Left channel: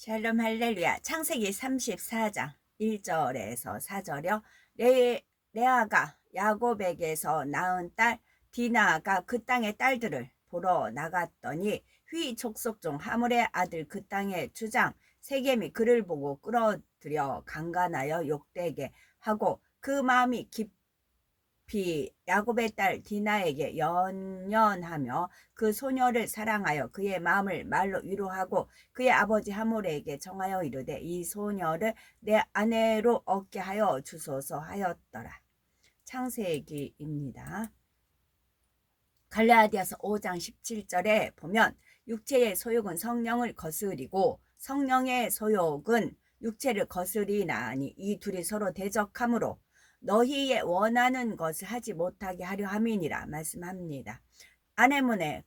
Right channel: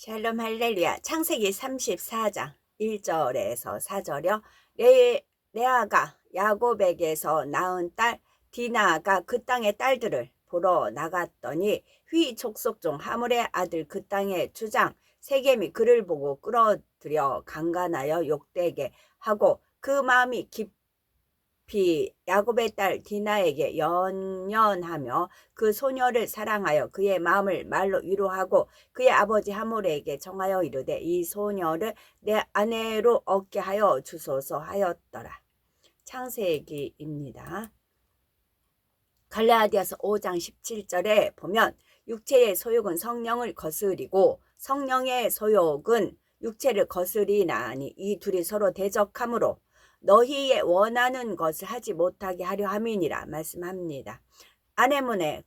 샬롬 할렐루야. 창세기 34장 1절에서 4절이요. 레아가 야곱에게서 낳은 딸 디나가 그 땅의 딸들을 보러 나갔더니 휘 족속 중 하물의 아들 그 땅의 주장 세겜이 그를 보고 끌어들여 강간하여 욕되게 하고 그 마음이 야곱의 딸 디나에게 연연하며 그 소녀를 사랑하여 그의 마음을 말로 위로하고 그의 아버지 하몰에게 정하여 이르되 이 소녀를 내 아내로 얻게 하여 주소서 하였더라. 창세기입니다. 갈라디아서 5장 17절에 보면 육체의 소욕은 성령을 거스리고 성령의 소욕은 육체를 거스리나니 이 둘이 서로 대적하므로 너희의 원하는 것을 하지 못하게 하려 함이니라 말씀합니다. 아네모네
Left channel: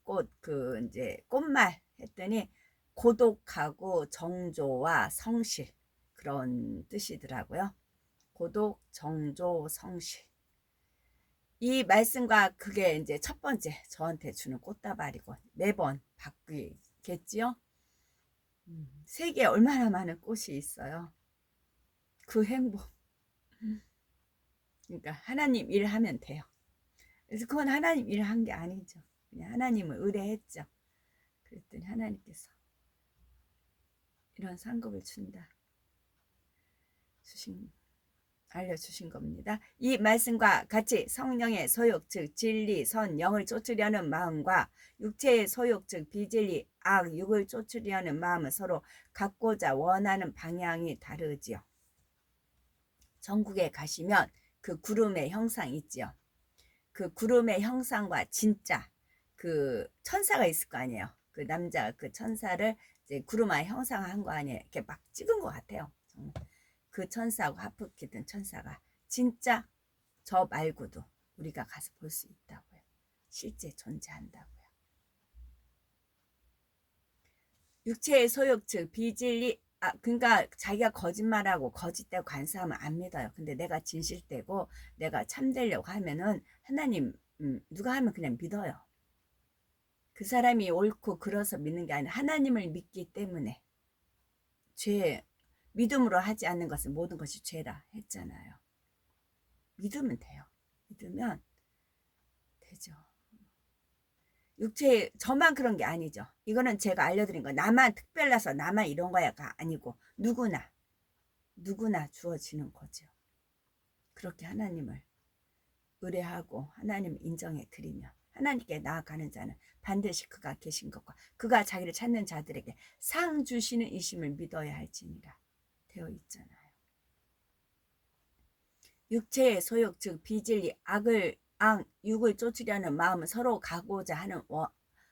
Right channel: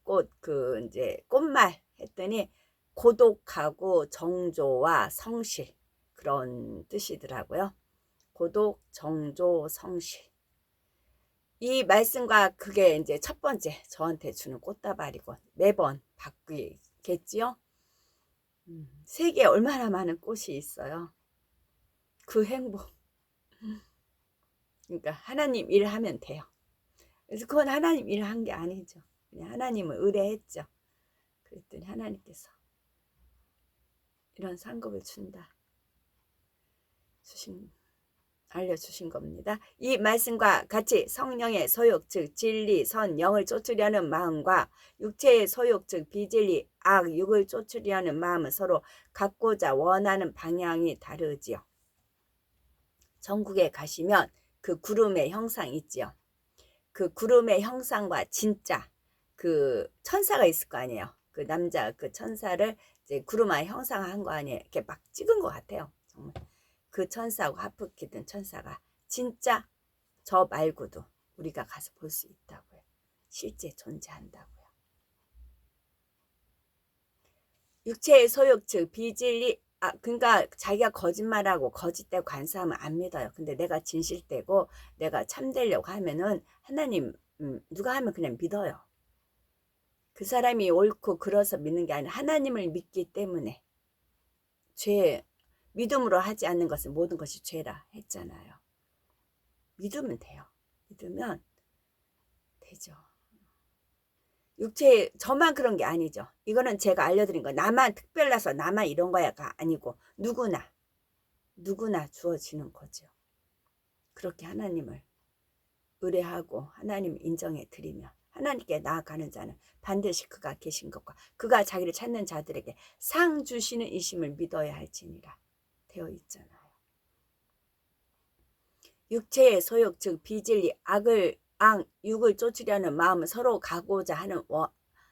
꽃말 했더니 고독하고 정조와 성실 그런 뜻이더라고요. 고독, 정조, 성실. 이 말씀과 그게 이제 첫 번째 저한테 주는 꽃다발이고 매번 바뀌겠지요. 세계에 얼마나 많은 꽃이 있어요. 그 행복. 그러니까 하나님 일을 하면 돼요. 그래서 그건 하나님 일을 한 게 아니죠. 그냥 하나님을 의뢰했죠. 그랬더니 하나님께서 이런 상급을 알려주신 겁니다. 이 말씀과 같이 성령의 소욕 즉 진리 선 영을 쫓으려는 마음과 육체의 소욕 즉 비진리 악 육을 쫓으려는 마음은 서로 갖고자 원하는 방향이 다르지요. 전국에 가시면 그 구름의 형상 있지요. 그 구름의 형상과 진짜 그 천사가 있을 거 아니에요. 그 남자 그 천사를 이제 구름의 형상한 거 아니에요. 이렇게 막 찍은 것 같아요. 정말 그 천사하고 하프키 든 천사가 진짜 저 말고도 우리가 가서 볼 수 있다고요. 실제 존재한다고요. 육체의 소욕 즉 비진리 그러니까 자기가 거짓말하고 거짓되고 간사하면 안 믿어요. 근데 내가 진실되고 내가 참되려고 하면은 하나님 누가 하면 그냥 믿어요. 그 사람이 옳고 그래서 믿는 게 아니라 하나님을 믿기 때문에 믿음으로 하지 않는 것은 모든 것이 죄라 했잖아요. 믿으면 돼요. 믿으면 되죠. 육체 저만 그런 게 아니죠. 이거는 제가 알려드린 거 나만 특별해서 나만 이런 거야가 아니고 누구나 주어지는 거죠. 그렇게 하나님을 의뢰하고 하나님을 인정해 드리면 하나님께 나아가는 자는 반드시 그가 계신 것과 그가 자기를 찾는 자들에게 상 주시는 이심을 믿어야 할지니라 되어 있잖아요. 육체의 소욕 즉 비진리 육을 쫓으려는 마음은 서로 가고자 하는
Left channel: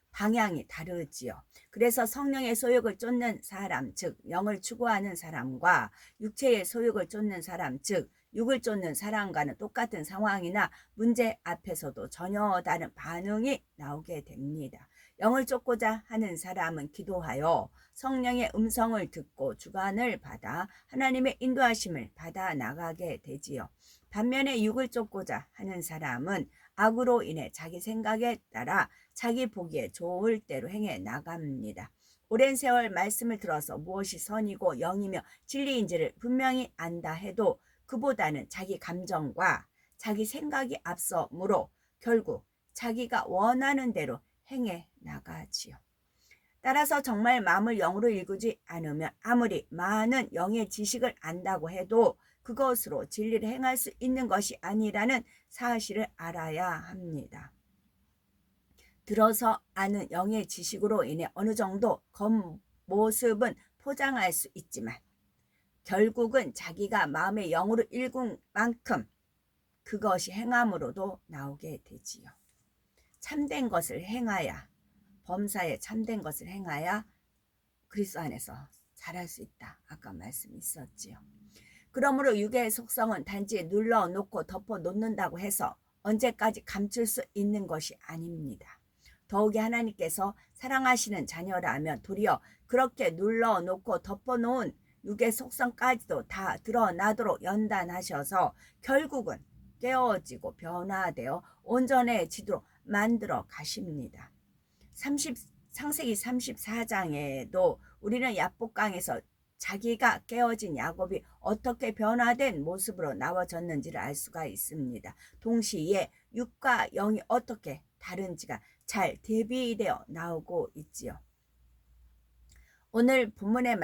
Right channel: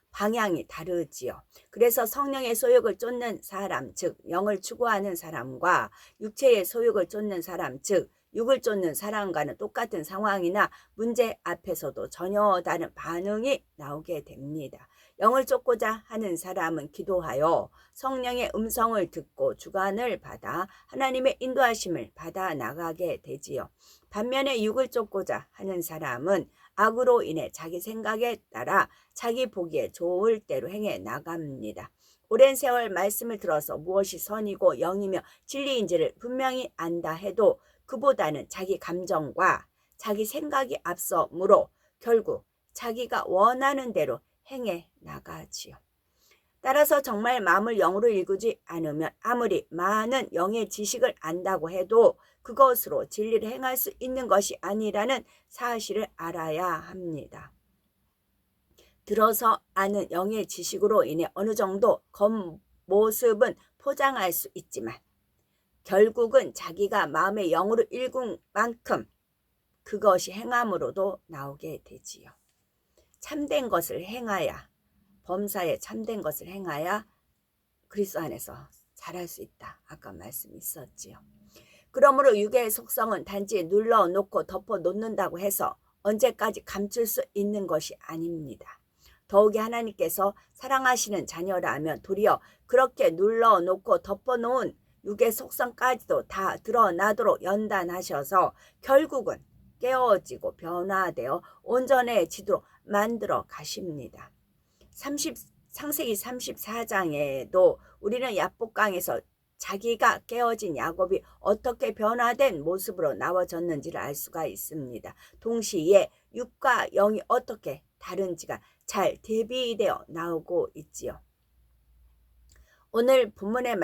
방향이 다르지요. 그래서 성령의 소욕을 쫓는 사람 즉 영을 추구하는 사람과 육체의 소욕을 쫓는 사람 즉 육을 쫓는 사람과는 똑같은 상황이나 문제 앞에서도 전혀 다른 반응이 나오게 됩니다. 영을 쫓고자 하는 사람은 기도하여 성령의 음성을 듣고 주관을 받아 하나님의 인도하심을 받아 나가게 되지요. 반면에 육을 쫓고자 하는 사람은 악으로 인해 자기 생각에 따라 자기 보기에 좋을 대로 행해 나갑니다. 오랜 세월 말씀을 들어서 무엇이 선이고 영이며 진리인지를 분명히 안다 해도 그보다는 자기 감정과 자기 생각이 앞서므로 결국 자기가 원하는 대로 행해 나가지요. 따라서 정말 마음을 영으로 일구지 않으면 아무리 많은 영의 지식을 안다고 해도 그것으로 진리를 행할 수 있는 것이 아니라는 사실을 알아야 합니다. 들어서 아는 영의 지식으로 인해 어느 정도 겉모습은 포장할 수 있지만 결국은 자기가 마음의 영으로 읽은 만큼 그것이 행함으로도 나오게 되지요. 참된 것을 행하야 범사에 참된 것을 행하야 그리스도 안에서 잘할 수 있다. 아까 말씀 있었지요. 그러므로 육의 속성은 단지 눌러놓고 덮어놓는다고 해서 언제까지 감출 수 있는 것이 아닙니다. 더욱이 하나님께서 사랑하시는 자녀라면 도리어 그렇게 눌러놓고 덮어놓은 육의 속성까지도 다 드러나도록 연단하셔서 결국은 깨어지고 변화되어 온전해지도록 만들어 가십니다. 창세기 34장에도 우리는 야복강에서 자기가 깨어진 야곱이 어떻게 변화된 모습으로 나와졌는지를 알 수가 있습니다. 동시에 육과 영이 어떻게 다른지가 잘 대비되어 나오고 있지요. 오늘 본문의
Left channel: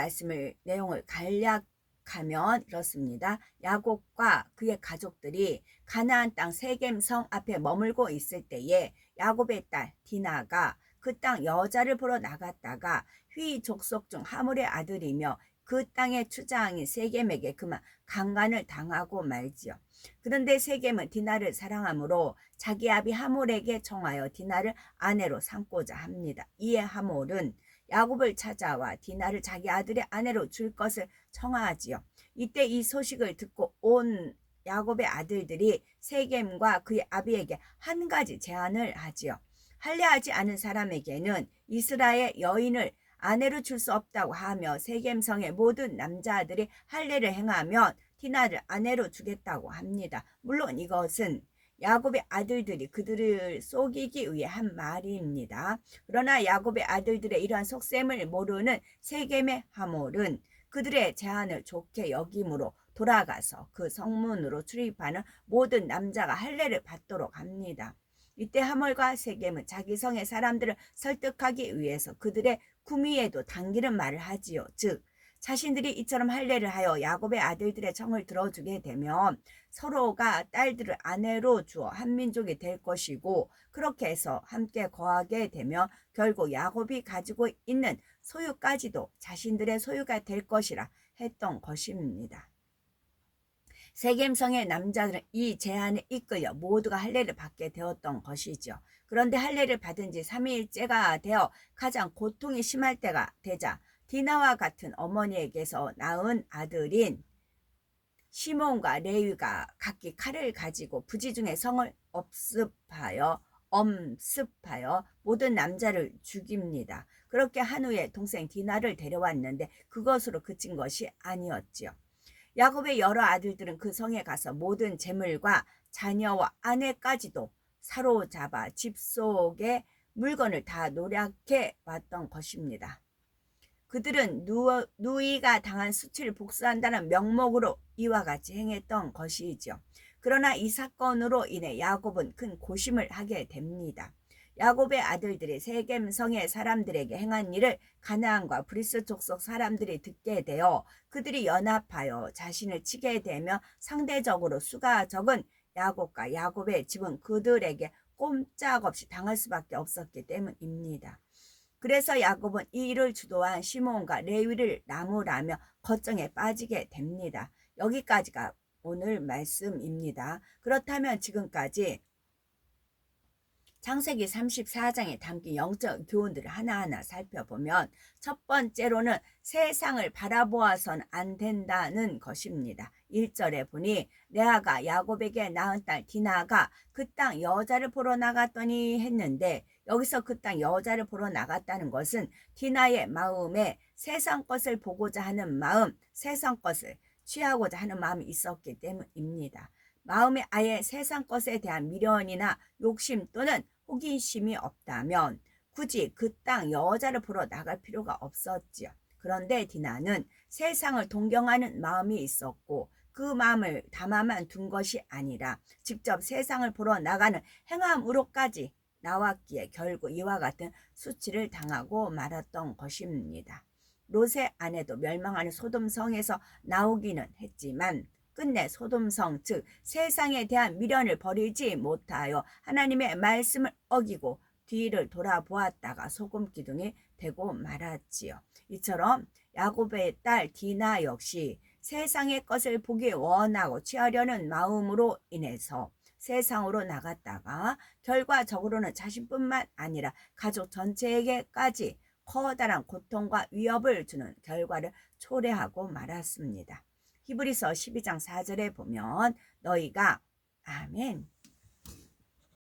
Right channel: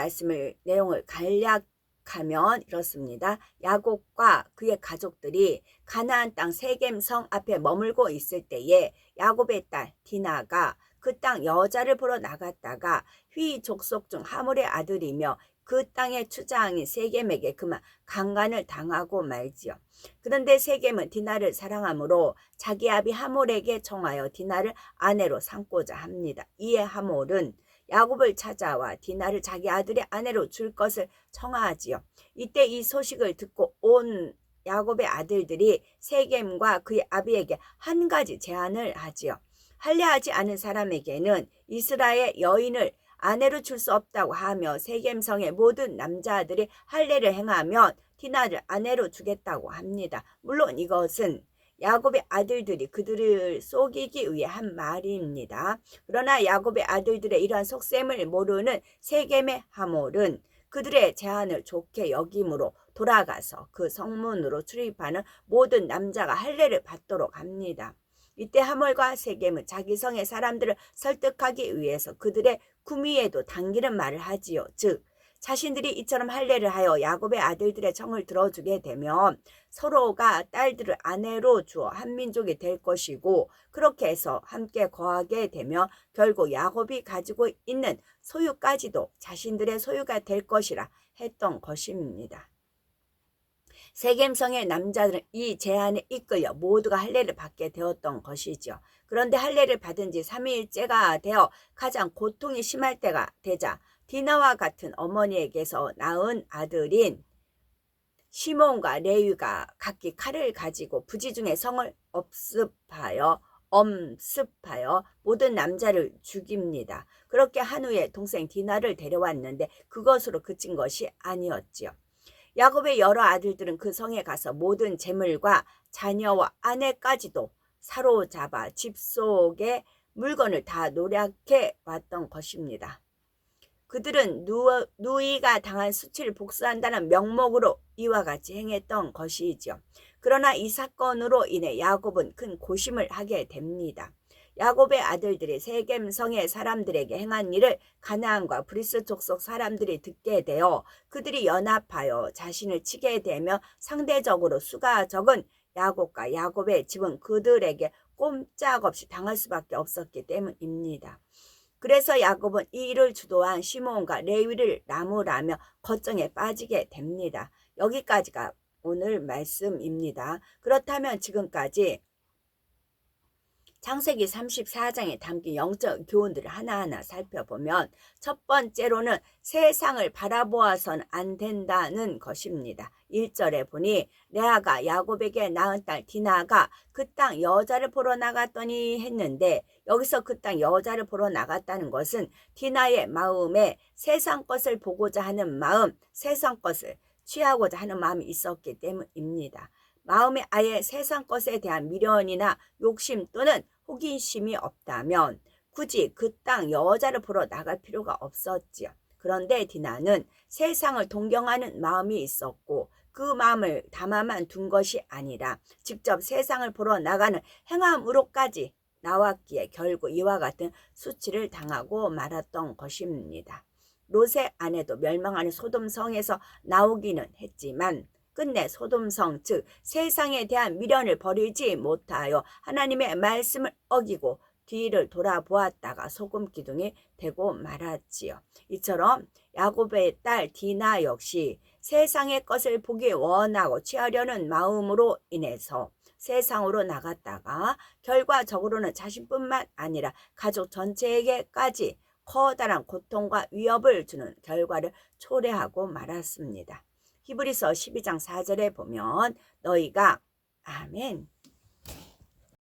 내용을 간략하면 이렇습니다. 야곱과 그의 가족들이 가나안 땅 세겜성 앞에 머물고 있을 때에 야곱의 딸 디나가 그 땅 여자를 보러 나갔다가 휘 족속 중 하몰의 아들이며 그 땅의 추장인 세겜에게 그만 강간을 당하고 말지요. 그런데 세겜은 디나를 사랑하므로 자기 아비 하몰에게 청하여 디나를 아내로 삼고자 합니다. 이에 하몰은 야곱을 찾아와 디나를 자기 아들의 아내로 줄 것을 청하지요. 이때 이 소식을 듣고 온 야곱의 아들들이 세겜과 그의 아비에게 한 가지 제안을 하지요. 할례하지 않은 사람에게는 이스라엘 여인을 아내로 줄 수 없다고 하며 세겜성의 모든 남자들이 할례를 행하면 디나를 아내로 주겠다고 합니다. 물론 이것은 야곱의 아들들이 그들을 속이기 위해 한 말입니다. 그러나 야곱의 아들들의 이러한 속셈을 모르는 세겜의 하몰은 그들의 제안을 좋게 여김으로 돌아가서 그 성문으로 출입하는 모든 남자가 할례를 받도록 합니다. 이때 하몰과 세겜은 자기 성의 사람들을 설득하기 위해서 그들의 구미에도 당기는 말을 하지요. 즉 자신들이 이처럼 할례를 하여 야곱의 아들들의 청을 들어주게 되면 서로가 딸들을 아내로 주어 한 민족이 될 것이고, 그렇게 해서 함께 거하게 되면 결국 야곱이 가지고 있는 소유까지도 자신들의 소유가 될 것이라 했던 것입니다. 세겜성의 남자들은 이 제안에 이끌려 모두가 할례를 받게 되었던 것이죠. 그런데 할례를 받은 지 3일째가 되어 가장 고통이 심할 때가 되자 디나와 같은 어머니에게서 낳은 아들인 시몬과 레위가 각기 칼을 가지고 부지 중에 성을 엄습하여 모든 남자를 죽입니다. 그렇게 한 후에 동생 디나를 데려왔는데 그것으로 그친 것이 아니었지요. 야곱의 여러 아들들은 그 성에 가서 모든 재물과 자녀와 아내까지도 사로잡아 집 속의 물건을 다 노략해 왔던 것입니다. 그들은 누이가 당한 수치를 복수한다는 명목으로 이와 같이 행했던 것이죠. 그러나 이 사건으로 인해 야곱은 큰 고심을 하게 됩니다. 야곱의 아들들이 세겜성의 사람들에게 행한 일을 가나안과 브리스 족속 사람들이 듣게 되어 그들이 연합하여 자신을 치게 되며 상대적으로 수가 적은 야곱과 야곱의 집은 그들에게 꼼짝없이 당할 수밖에 없었기 때문입니다. 그래서 야곱은 이 일을 주도한 시몬과 레위를 나무라며 걱정에 빠지게 됩니다. 여기까지가 오늘 말씀입니다. 그렇다면 지금까지 창세기 34장에 담긴 영적 교훈들을 하나하나 살펴보면 첫 번째로는 세상을 바라보아서는 안 된다는 것입니다. 1절에 보니 레아가 야곱에게 낳은 딸 디나가 그 땅 여자를 보러 나갔더니 했는데, 여기서 그 땅 여자를 보러 나갔다는 것은 디나의 마음에 세상 것을 보고자 하는 마음, 세상 것을 취하고자 하는 마음이 있었기 때문입니다. 마음에 아예 세상 것에 대한 미련이나 욕심 또는 호기심이 없다면 굳이 그 땅 여자를 보러 나갈 필요가 없었지요. 그런데 디나는 세상을 동경하는 마음이 있었고 그 마음을 담아만 둔 것이 아니라 직접 세상을 보러 나가는 행함으로까지 나왔기에 결국 이와 같은 수치를 당하고 말았던 것입니다. 롯의 아내도 멸망하는 소돔성에서 나오기는 했지만 끝내 소돔성, 즉 세상에 대한 미련을 버리지 못하여 하나님의 말씀을 어기고 뒤를 돌아보았다가 소금 기둥이 되고 말았지요. 이처럼 야곱의 딸 디나 역시 세상의 것을 보기 원하고 취하려는 마음으로 인해서 세상으로 나갔다가 결과적으로는 자신뿐만 아니라 가족 전체에게까지 커다란 고통과 위협을 주는 결과를 초래하고 말았습니다. 히브리서 12장 4절에 보면 너희가 아멘